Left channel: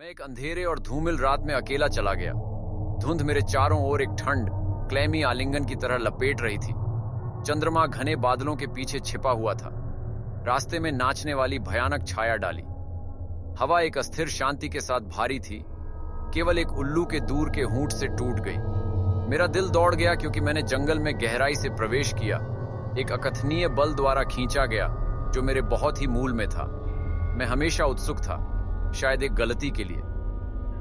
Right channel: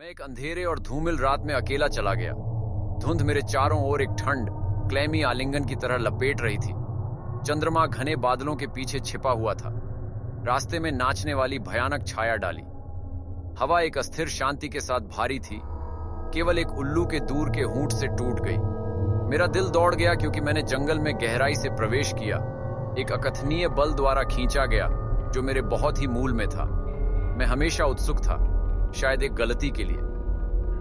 मैं एक अंधेरे और धूमिल रात में अकेला चला गया। धुंध मेरे चारों ओर एक ठंड क्लेमी आलिंगन की तरह लपेट रही थी। चंद्रमा घने बादलों के पीछे छिपा हुआ था। रास्ते में नाचने वाली भयानक छाया डाली। हवा एक अस्थिर शांति के साथ भारी थी। केवल एक उल्लू के दूर के हूंट से टूट गई। मेरा दिल दौड़ गया क्योंकि मैंने जंगल में गहराई से प्रवेश किया। एक अकथनीय बल द्वारा खींचा गया जो मेरे बहुत ही मूल में था। मैं हमेशा उत्सुक था, शायद एक गलती के लिए।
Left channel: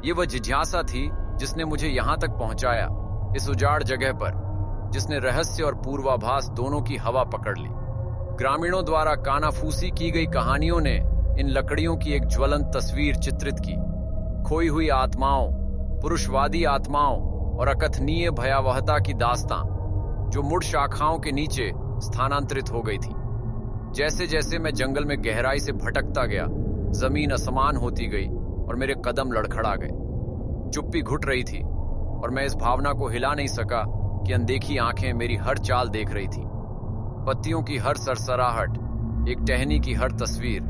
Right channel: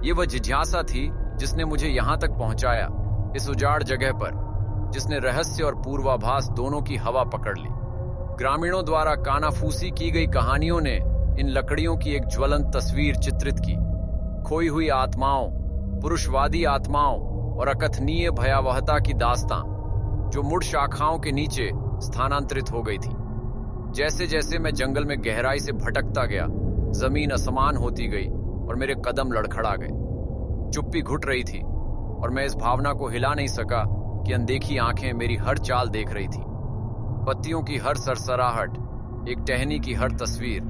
ये वह जिज्ञासा थी जिसने मुझे यहां तक पहुंचाया, इस उजाड़ जगह पर, जिसने रहस्य और पूर्वाभास दोनों की हवा पकड़ ली। ग्रामीणों द्वारा कानाफूसी की गई कहानियों ने इन लकड़ियों की एक ज्वलंत तस्वीर चित्रित की। खोई हुई आत्माओं, पुरुषवादी आत्माओं और अकथनीय भयावहता की दास्तां जो मुड़ शाखाओं के नीचे स्थानांतरित हो गई थी। जैसे जैसे मैं जंगल में गहराई से भटकता गया, जमीन असमान होती गई और मेरे कदम लड़खड़ा गए। चुप्पी घुट रही थी और मैं इस भावना को हिला नहीं सका कि अनदेखी आंखें मेरी हर चाल देख रही थी। पत्तियों की हर सरसराहट, एक टहनी की हर तस्वीर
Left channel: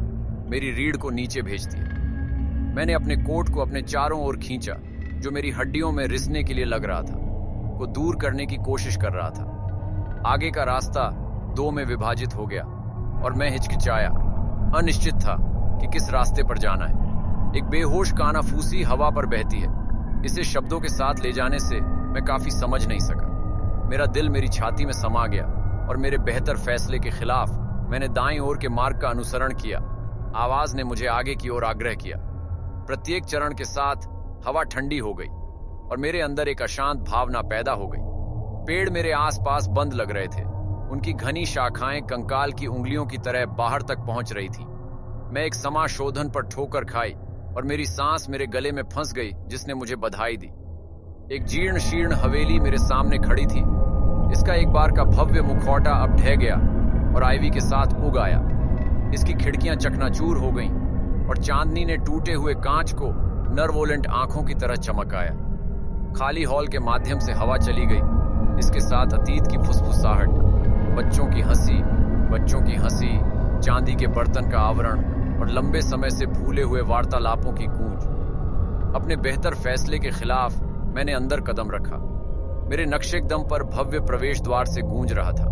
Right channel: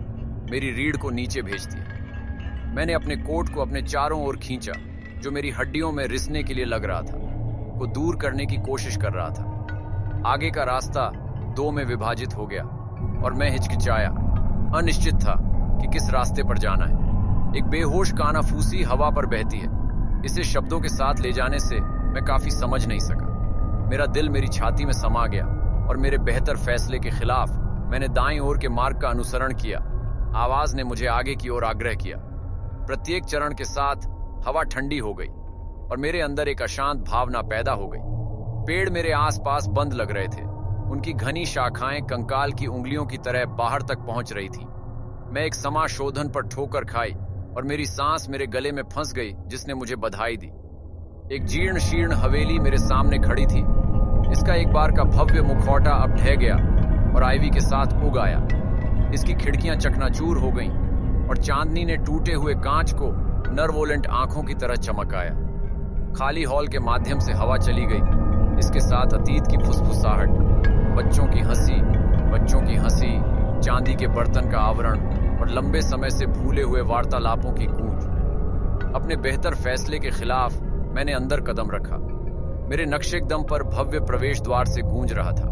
मेरी रीढ़ को नीचे भेजती है। मैंने अपने कोट को अपने चारों ओर खींचा, जो मेरी हड्डियों में रिसने के लिए लग रहा था, को दूर करने की कोशिश कर रहा था। आगे का रास्ता दो में विभाजित हो गया और मैं हिचकिचाया, अनिश्चित था कि किस रास्ते पर जाना है। एक बेहोश कानाफूसी हवा पर बहती है। इसे शब्दों के साथ ले जाने से मैं काफी समझ नहीं सका। मेरा दिल मेरी छाती में समा गया और मेरे बेहतर फैसले के खिलाफ मैंने दाईं ओर के मार्ग का अनुसरण किया। आवाज ने मुझे आगे की ओर आग्रह किया। प्रत्येक चरण के साथ हवा ठंडी हो गई और मेरे अंदर एक अशांत भावना पैदा हो गई। पेड़ मेरे आसपास बंद लग रहे थे। उनकी घनी शाखाएं कंकाल की उंगलियों की तरह बाहर तक पहुंच रही थी। मैं एक समाशोधन पर ठोकर खाई और मेरी सांस मेरे गले में फंस गई, जिसने मुझे बधाई दी। एक जीर्ण शीर्ण हवेली मेरे सामने खड़ी थी। इसका एक बार का भव्य मुखौटा अब ढह गया और आईवी के साथ उग आया। इसकी खिड़कियां चकनाचूर हो गईं और चांदनी ने टूटे हुए कांच को नर्वोलेंट आंखों की तरह चमकाया। खाली हॉल के माध्यम से हवा चली गई। इसके साथ अतीत की फुसफुसाहट, बच्चों की हंसी, चांदी के बर्तन का आवरण और लंबे समय से भूले हुए वार्तालापों की गूंज। अपने बेहतर फैसले के खिलाफ मैंने अंदर कदम रखा। मेरे नक्शेकदम पर भव्य प्रवेश द्वार से गूंज रहा था।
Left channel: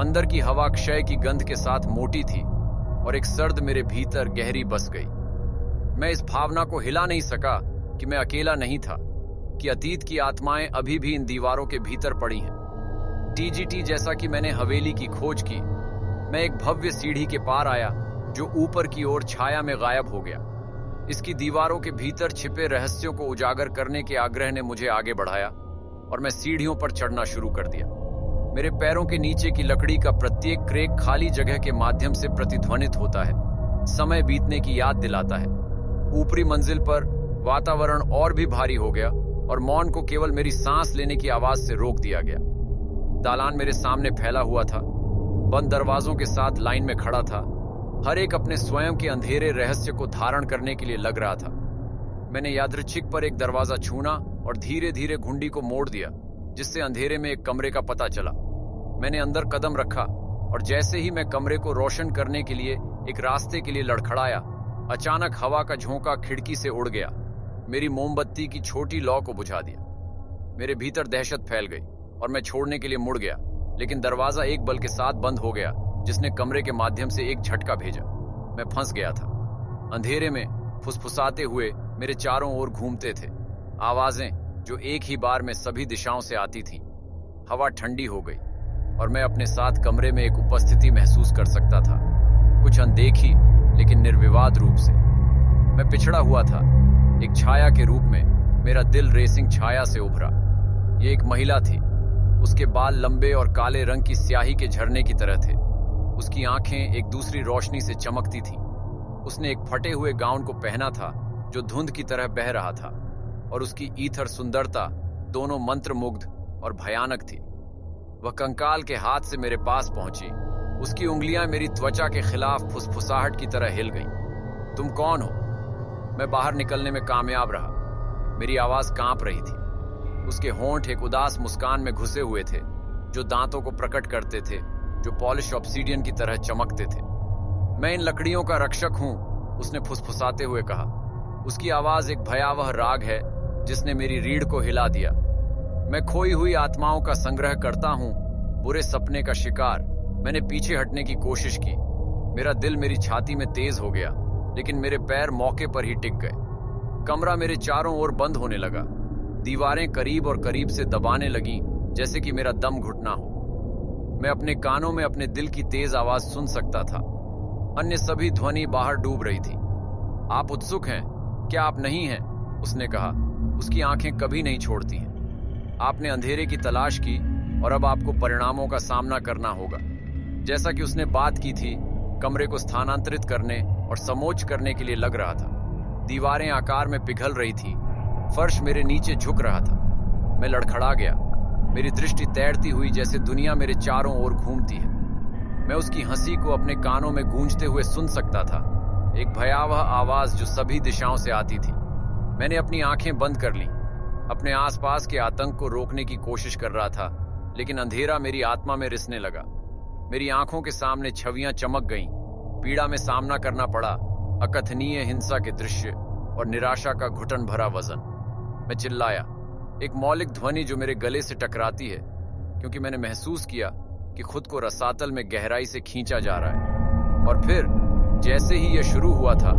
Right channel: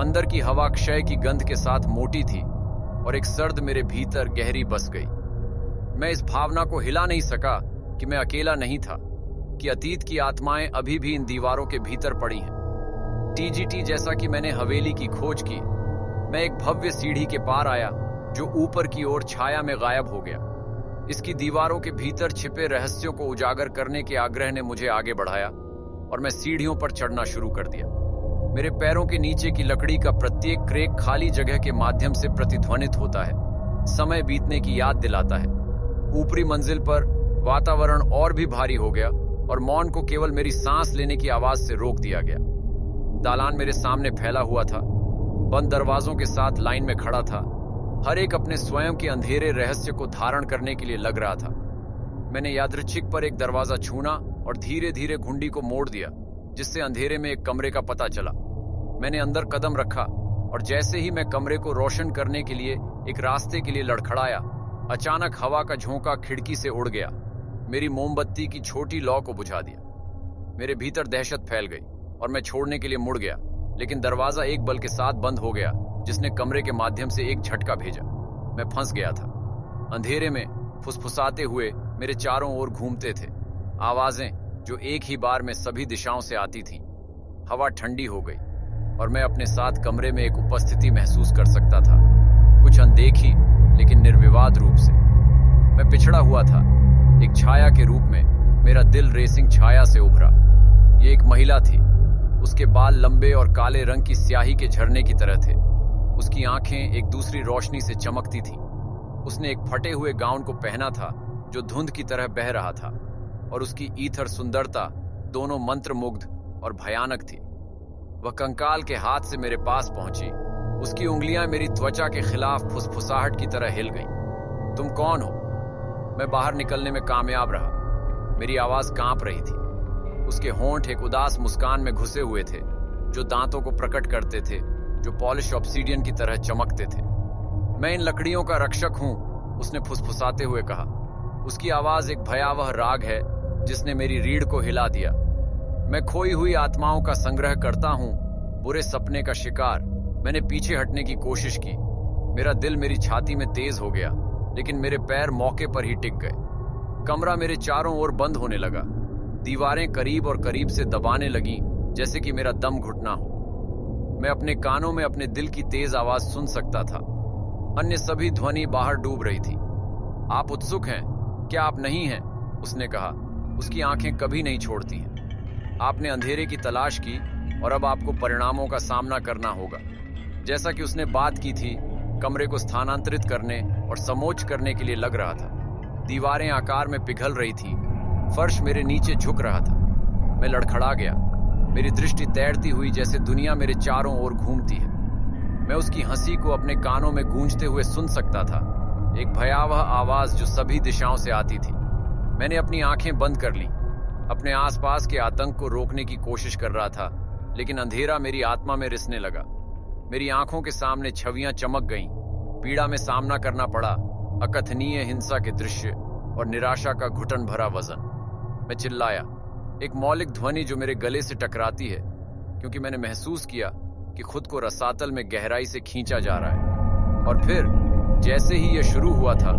अंदर की हवा क्षय की गंध के साथ मोटी थी और एक सर्द मेरे भीतर गहरी बस गई। मैं इस भावना को हिला नहीं सका कि मैं अकेला नहीं था, कि अतीत की आत्माएं अभी भी इन दीवारों के भीतर पड़ी हैं। टीजीटी जैसा कि मैंने हवेली की खोज की, मैं एक भव्य सीढ़ी के पार आया जो ऊपर की ओर छाया में गायब हो गया। इसकी दीवारों के भीतर छिपे रहस्यों को उजागर करने के आग्रह ने मुझे आगे बढ़ाया और मैं सीढ़ियों पर चढ़ना शुरू कर दिया। मेरे पैरों के नीचे की लकड़ी का प्रत्येक क्रेक खाली जगह के माध्यम से प्रतिध्वनित होता है, समय बीतने की याद दिलाता है। ऊपरी मंजिल पर वातावरण और भी भारी हो गया और मौन को केवल मेरी सांस लेने की आवाज से रोक दिया गया। दालान मेरे सामने फैला हुआ था, बंद दरवाजों के साथ लाइन में खड़ा था। हर एक अपने स्वयं के अंधेरे रहस्य को धारण करने के लिए लग रहा था। मैंने यादृच्छिक पर एक दरवाजा छूना और धीरे धीरे घुंडी को मोड़ दिया, जिससे अंधेरे में एक कमरे का पता चला। मैंने अंदर कदम रखा और जैसे ही मैं कमरे को रोशन करने के लिए एक रास्ते के लिए लड़खड़ाया, अचानक हवा का झोंका खिड़की से उड़ गया, मेरी मोमबत्ती की छोटी लौ को बुझा दिया। मेरे भीतर दहशत फैल गई और मैं छोड़ने के लिए मुड़ गया, लेकिन दरवाजा एक बल के साथ बंद हो गया, जिसने कमरे के माध्यम से एक झटका भेजा। मैं फंस गया था। अंधेरे में फुसफुसाते हुए मेरे चारों ओर घूमते थे आवाजें, जो एक ही बार में सभी दिशाओं से आती थीं। हवा ठंडी हो गई और मैं अपने साथ कमरे में एक उपस्थिति महसूस कर सकता था, कुछ अनदेखी लेकिन निर्विवाद रूप से। मैं पिछड़ा हुआ था, एक छाया के रूप में। मेरा दिल रेसिंग छाया से उभरा। ये एक महिला थी। उसके बाल लंबे और काले रंग की स्याही के झरने की तरह थे। उसकी आंखें एक दूसरी रोशनी से चमकती थीं। उसने एक फटे हुए गाउन को पहना था जो धुंध की तरह बह रहा था, और उसकी ईथर सुंदरता दोनों मंत्रमुग्ध और भयानक थी। वह कंकाल के हाथ से मेरे पास पहुंची। उसकी उंगलियां मेरी त्वचा के खिलाफ फुसफुसाहट की तरह हिल गईं। तुम कौन हो? मैं बाहर निकलने में कामयाब रहा। मेरी आवाज कांप रही थी। उसके होंठ एक उदास मुस्कान में घुसे हुए थे, जो दांतों को प्रकट करते थे, जो पॉलिश ऑब्सीडियन की तरह चमकते थे। मैं इन लकड़ियों का रक्षक हूं, उसने फुसफुसाते हुए कहा। उसकी आवाज एक भयावह राग है जिसने मेरी रीढ़ को हिला दिया। मैं खोई हुई आत्माओं का संग्रह करता हूं, बुरे सपने का शिकार। मैंने पीछे हटने की कोशिश की। मेरा दिल मेरी छाती में तेज हो गया, लेकिन मेरे पैर मौके पर ही टिक गए। कमरा मेरे चारों ओर बंद होने लगा। दीवारें करीब और करीब से दबाने लगीं, जैसे कि मेरा दम घुटना हो। मैं अपने कानों में अपने दिल की तेज आवाज सुन सकता था। अन्य सभी ध्वनि बाहर डूब रही थी। आप उत्सुक हैं? क्या आप नहीं हैं? उसने कहा। उसकी आंखें कभी नहीं छोड़ती हैं। आपने अंधेरे की तलाश की और अब आपको परिणामों का सामना करना होगा। जैसा कि उसने बात की थी, कमरे को स्थानांतरित करने और समोच्च करने के लिए लग रहा था। दीवारें आकार में पिघल रही थी। फर्श मेरे नीचे झुक रहा था। मैं लड़खड़ा गया। मेरी दृष्टि तैरती हुई, जैसे दुनिया मेरे चारों ओर घूमती है। मैं उसकी हंसी को अपने कानों में गूंजते हुए सुन सकता था, एक भयावह आवाज जो सभी दिशाओं से आती थी। मैंने अपनी आंखें बंद कर लीं। अपने आसपास के आतंक को रोकने की कोशिश कर रहा था, लेकिन अंधेरा मेरी आत्मा में रिसने लगा। मेरी आंखों के सामने छवियां चमक गईं। पीड़ा में सामना करना पड़ा, अकथनीय हिंसा के दृश्य और निराशा का घुटन भरा वजन। मैं चिल्लाया, एक मौलिक ध्वनि जो मेरे गले से टकराती है, क्योंकि मैंने महसूस किया कि खुद को रसातल में गहराई से खींचा जा रहा है। और फिर जैसे ही यह शुरू हुआ था,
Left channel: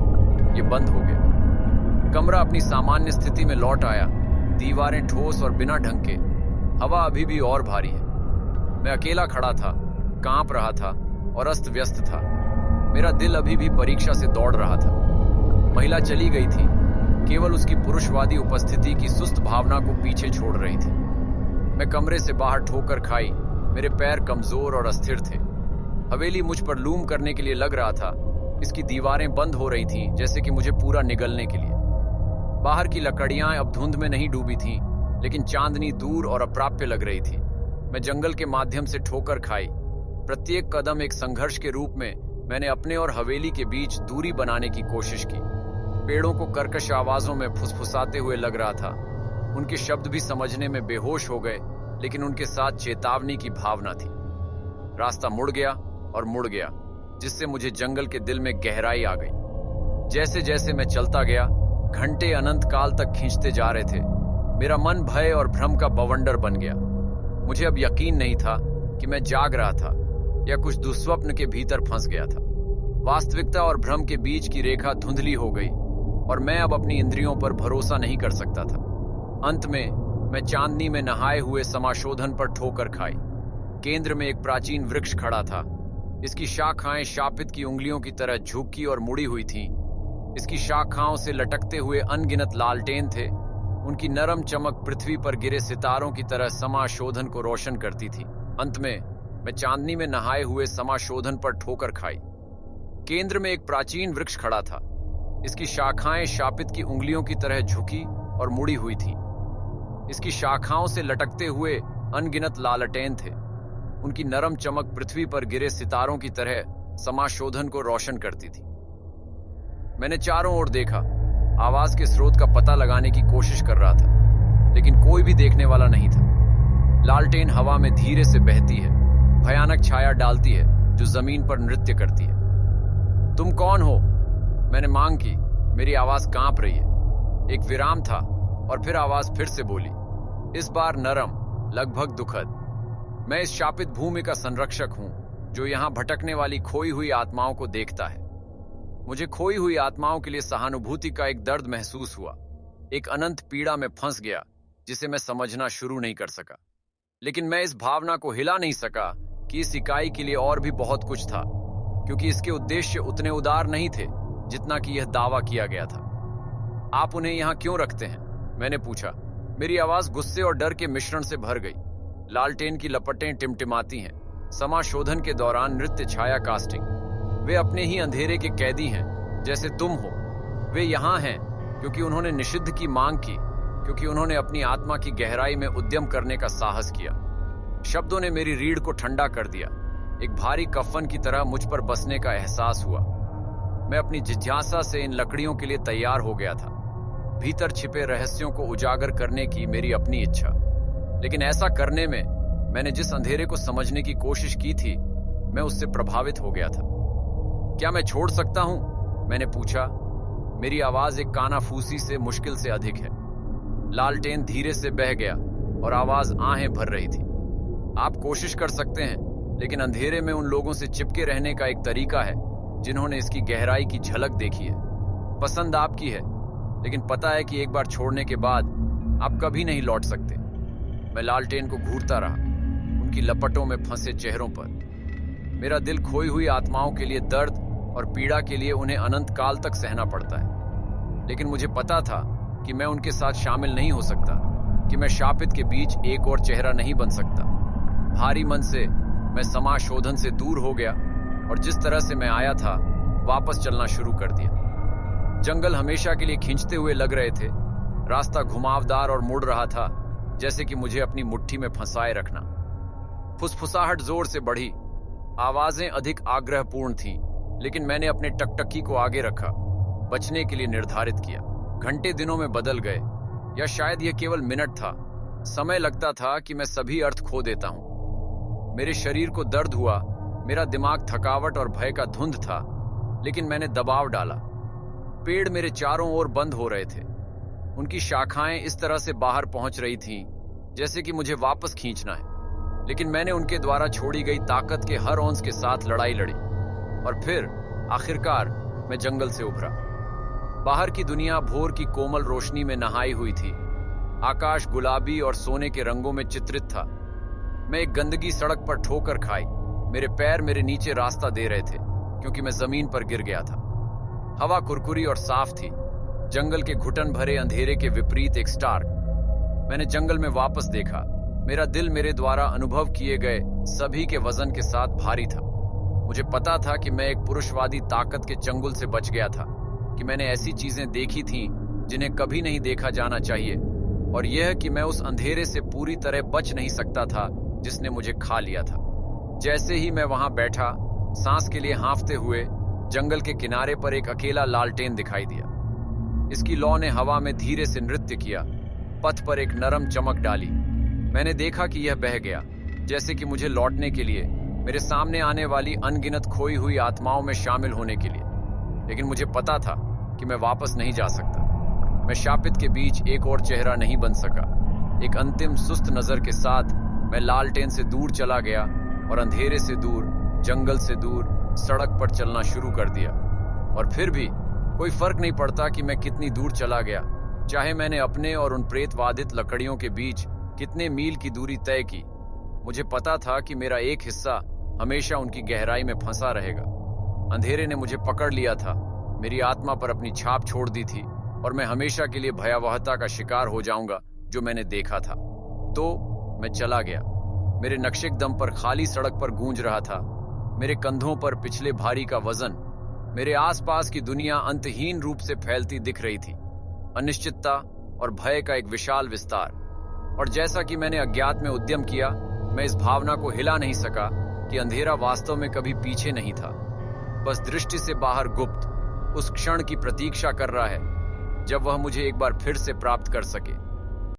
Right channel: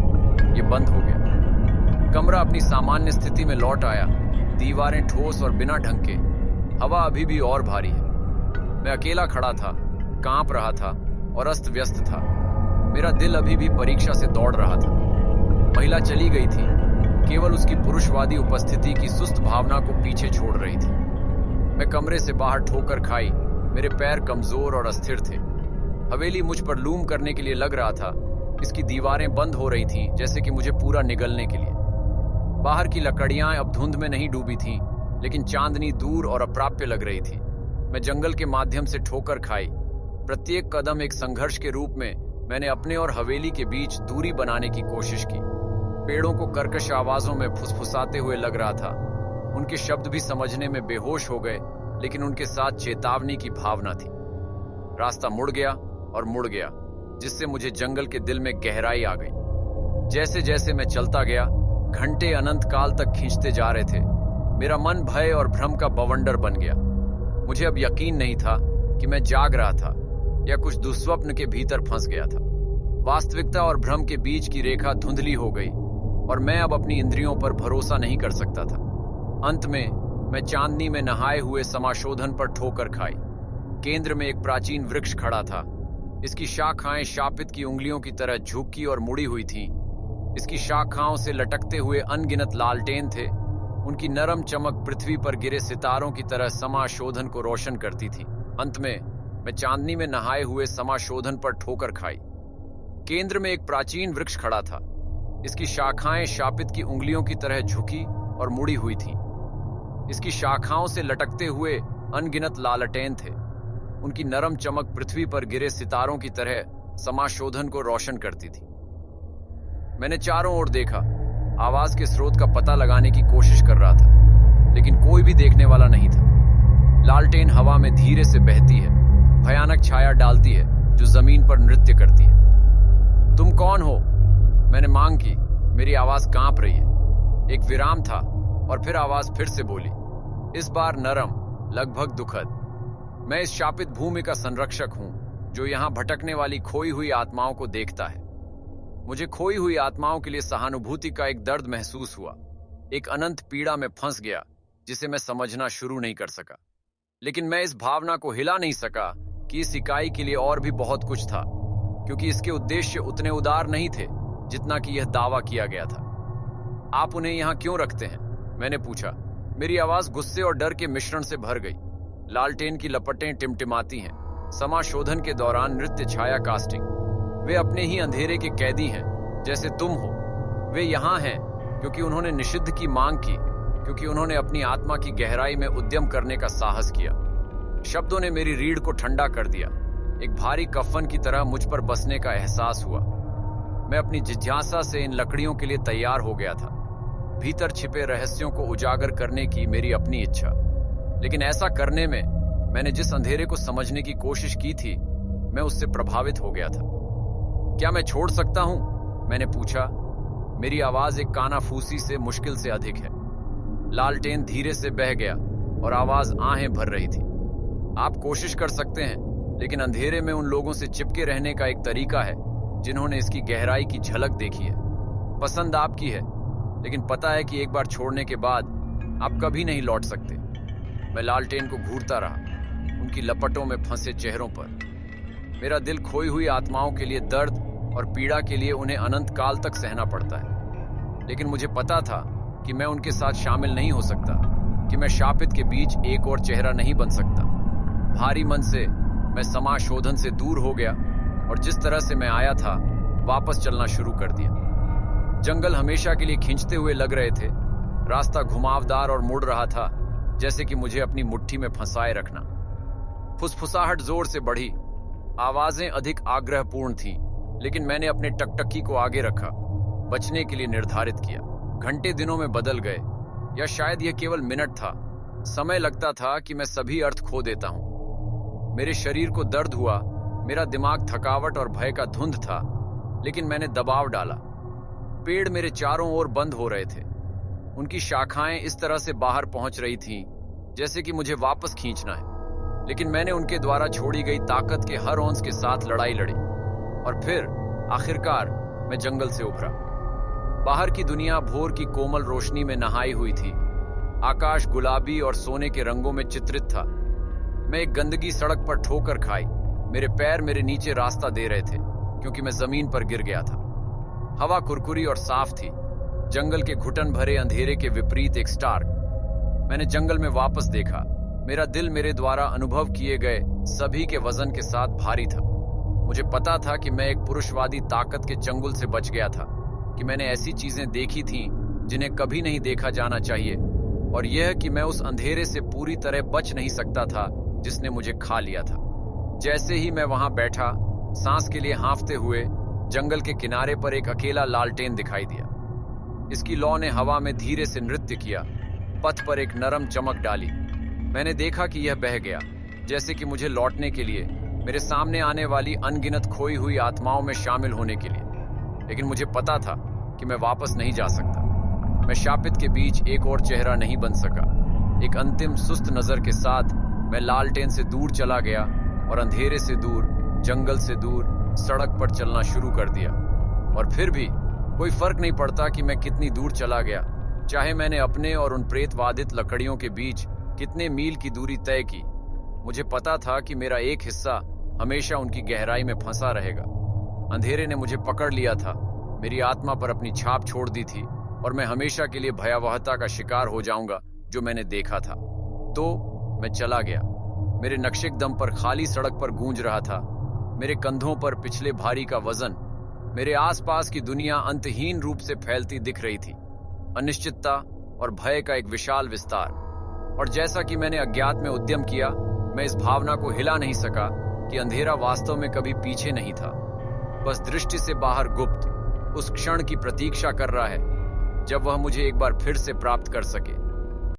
यह बंद हो गया। कमरा अपनी सामान्य स्थिति में लौट आया। दीवारें ठोस और बिना ढंग के। हवा अभी भी और भारी है। मैं अकेला खड़ा था, कांप रहा था और अस्त व्यस्त था। मेरा दिल अभी भी परीक्षा से दौड़ रहा था। महिला चली गई थी, केवल उसकी पुरुषवादी उपस्थिति की सुस्त भावना को पीछे छोड़ रही थी। मैं कमरे से बाहर ठोकर खाई। मेरे पैर कमजोर और अस्थिर थे। हवेली मुझ पर लूम करने के लिए लग रहा था। इसकी दीवारें बंद हो रही थीं, जैसे कि मुझे पूरा निगलने के लिए। बाहर की लकड़ियां अब धुंध में नहीं डूबी थीं, लेकिन चांदनी दूर और अप्राप्य लग रही थी। मैं जंगल के माध्यम से ठोकर खाई। प्रत्येक कदम एक संघर्ष के रूप में मैंने अपने और हवेली के बीच दूरी बनाने की कोशिश की। पेड़ों को कर्कश आवाजों में फुसफुसाते हुए लग रहा था। उनके शब्द भी समझने में बेहोश हो गए, लेकिन उनके साथ चेतावनी की भावना थी। रास्ता मुड़ गया और मुड़ गया, जिससे मुझे जंगल के दिल में गहराई आ गई। जैसे जैसे मैं चलता गया, घंटे अनंत काल तक खींचते जा रहे थे। मेरा मन भय और भ्रम का बवंडर बन गया। मुझे अब यकीन नहीं था कि मैं जाग रहा था या कुछ दुस्वप्न के भीतर फंस गया था। वास्तविकता और भ्रम के बीच की रेखा धुंधली हो गई और मैं अब अपनी इंद्रियों पर भरोसा नहीं कर सकता था। अंत में मैं चांदनी में नहाए हुए समाशोधन पर ठोकर खाई। केंद्र में एक प्राचीन वृक्ष खड़ा था। इसकी शाखाएं शापित की उंगलियों की तरह झुकी और मुड़ी हुई थीं। इसकी शाखाओं से लटकते हुए अनगिनत लालटेन थे। उनकी नरम चमक पृथ्वी पर गिरे सितारों की तरह समाशोधन को रोशन करती थी। अंत में मैं चांदनी में नहाए हुए समाशोधन पर ठोकर खाई। केंद्र में एक प्राचीन वृक्ष खड़ा था। इसकी शाखाएं शापित की उंगलियों की तरह झुकी और मुड़ी हुई थीं। इसकी शाखाओं से लटकते हुए अनगिनत लालटेन थे। उनकी नरम चमक पृथ्वी पर गिरे सितारों की तरह समाशोधन को रोशन करती थी। मैंने चारों ओर देखा, आवाज के स्रोत का पता लगाने की कोशिश कर रहा था, लेकिन कोई भी देखने वाला नहीं था। लालटेन हवा में धीरे से बहती है, भयानक छाया डालती है जो जमीन पर नृत्य करती है। तुम कौन हो? मैंने मांग की। मेरी आवाज कांप रही है। एक विराम था और फिर आवाज फिर से बोली, इस बार नरम, लगभग दुखद। मैं इस शापित भूमि का संरक्षक हूं, जो यहां भटकने वाली खोई हुई आत्माओं को देखता है। मुझे खोई हुई आत्माओं के लिए सहानुभूति का एक दर्द महसूस हुआ। एक अनंत पीड़ा में फंस गया जिसे मैं समझना शुरू नहीं कर सका। लेकिन मैं इस भावना को हिला नहीं सका कि इस इकाई के लिए और भी बहुत कुछ था, क्योंकि इसके उद्देश्य उतने उदार नहीं थे जितना कि यह दावा किया गया था। आप उन्हें यहां क्यों रखते हैं? मैंने पूछा। मेरी आवाज गुस्से और डर के मिश्रण से भर गई। लालटेन की लपटें टिमटिमाती हैं। समाशोधन के दौरान नृत्य छाया कास्टिंग। वे अपने ही अंधेरे के कैदी हैं, जैसे तुम हो। वे यहां हैं क्योंकि उन्होंने निषिद्ध की मांग की, क्योंकि उन्होंने अपनी आत्मा की गहराई में उद्यम करने का साहस किया। शब्दों ने मेरी रीढ़ को ठंडा कर दिया। एक भारी कफन की तरह मुझ पर बसने का एहसास हुआ। मैं अपनी जिज्ञासा से इन लकड़ियों के लिए तैयार हो गया था, भीतर छिपे रहस्यों को उजागर करने की मेरी अपनी इच्छा। लेकिन ऐसा करने में मैंने जिस अंधेरे को समझने की कोशिश की थी, मैं उससे प्रभावित हो गया था। क्या मैं छोड़ सकता हूं? मैंने पूछा। मेरी आवाज एक कानाफूसी से मुश्किल से अधिक है। लालटेन धीरे से बह गया और आवाज आहें भर रही थी। आप कोशिश कर सकते हैं, लेकिन अंधेरे में उन लोगों से चिपके रहने का एक तरीका है जिन्होंने इसकी गहराई की झलक देखी है। पसंद आपकी है, लेकिन पता है कि एक बार छोड़ने के बाद आप कभी नहीं लौट सकते। मैं लालटेन को घूरता रहा, उनकी लपटों में फंसे चेहरों पर। मेरा दिल खोई हुई आत्माओं के लिए दर्द और पीड़ा के लिए उन्हें अनंत काल तक सहना पड़ता है। लेकिन मुझे पता था कि मैं उनके साथ शामिल नहीं हो सकता, कि मैं शापित के बीच एक और चेहरा नहीं बन सकता। भारी मन से मैं समाशोधन से दूर हो गया और जिस तरह से मैं आया था वापस चलना शुरू कर दिया। जंगल हमेशा के लिए खींचते हुए लग रहे थे। रास्ता घुमावदार और मुड़ रहा था, जैसे कि मुझे अपनी मुट्ठी में फंसाए रखना। फुसफुसाहट जोर से बढ़ी, आवाजें अधिक आग्रहपूर्ण थीं, लेकिन मैंने अपने टकटकी को आगे रखा, बचने के लिए निर्धारित किया। घंटे दिनों में बदल गए, या शायद यह केवल मिनट था। समय लगता था कि मैं सभी अर्थ खो देता हूं। मेरे शरीर को दर्द हुआ, मेरा दिमाग थकावट और भय का धुंध था, लेकिन मैंने दबाव डाला। पेड़ मेरे चारों ओर बंद हो रहे थे। उनकी शाखाएं इस तरह से बाहर पहुंच रही थीं, जैसे कि मुझे वापस खींचना है। लेकिन मैंने उनके द्वारा छोड़ी गई ताकत के हर औंस के साथ लड़ाई लड़ी, और फिर आखिरकार मैं जंगल से उभरा। बाहर की दुनिया भोर की कोमल रोशनी में नहाई हुई थी। आकाश गुलाबी और सोने के रंगों में चित्रित था। मैं एक गंदगी सड़क पर ठोकर खाई। मेरे पैर मेरे नीचे रास्ता दे रहे थे, क्योंकि मैं जमीन पर गिर गया था। हवा कुरकुरी और साफ थी। जंगल के घुटन भरे अंधेरे के विपरीत एक स्टार्क। मैंने जंगल में वापस देखा। मेरा दिल मेरे द्वारा अनुभव किए गए सभी के वजन के साथ भारी था। मुझे पता था कि मैं एक पुरुषवादी ताकत के चंगुल से बच गया था, कि मैंने ऐसी चीजें देखी थीं जिन्हें कभी नहीं देखा जाना चाहिए, और यह कि मैं उस अंधेरे से पूरी तरह बच नहीं सकता था जिसने मुझे खा लिया था। जैसे ही मैं वहां बैठा, सांस के लिए हांफते हुए, जंगल के किनारे पर एक अकेला लालटेन दिखाई दिया। इसकी लौ ने हवा में धीरे से नृत्य किया, पथ पर एक नरम चमक डाली। मैंने देखा कि यह बह गया, जैसे कि मुझे लौटने के लिए, मेरे सामने आने वाली अनगिनत खोई हुई आत्माओं में शामिल होने के लिए। लेकिन मुझे पता था कि मैं वापस नहीं जा सकता। मैं शापित के बीच एक और चेहरा नहीं बन सका। एक अंतिम सुस्त नजर के साथ मैं लालटेन से दूर चला गया और अंधेरे से दूर, जंगल से दूर, सड़क पर चलना शुरू कर दिया। और फिर भी कोई फर्क नहीं पड़ता कि मैं कितनी दूर चला गया, चाहे मैंने अपने और उन प्रेतवादित लकड़ियों के बीच कितने मील की दूरी तय की। मुझे पता था कि मेरा एक हिस्सा हमेशा उनकी गहराई में फंसा रहेगा। अंधेरे ने मुझे पकड़ लिया था, मेरी आत्मा पर अपनी छाप छोड़ दी थी, और मैं हमेशा के लिए भयावहता का शिकार हो जाऊंगा जो मैंने देखा था। तो मैं चला गया। मेरे नक्शेकदम पर खाली सड़क पर गूंज रहा था, मेरे कंधों पर पिछले भारी का वजन। मेरे आसपास की दुनिया अंतहीन रूप से फैलती दिख रही थी, अनिश्चितता और भय का एक विशाल विस्तार। और जैसा कि मैंने अज्ञात में उद्यम किया, मैं इस भावना को हिला नहीं सका कि अंधेरा वास्तव में कभी पीछे नहीं था, बस दृष्टि से बाहर गुप्त, उस क्षण की प्रतीक्षा कर रहा है जब वह मुझे एक बार फिर से प्राप्त कर सके।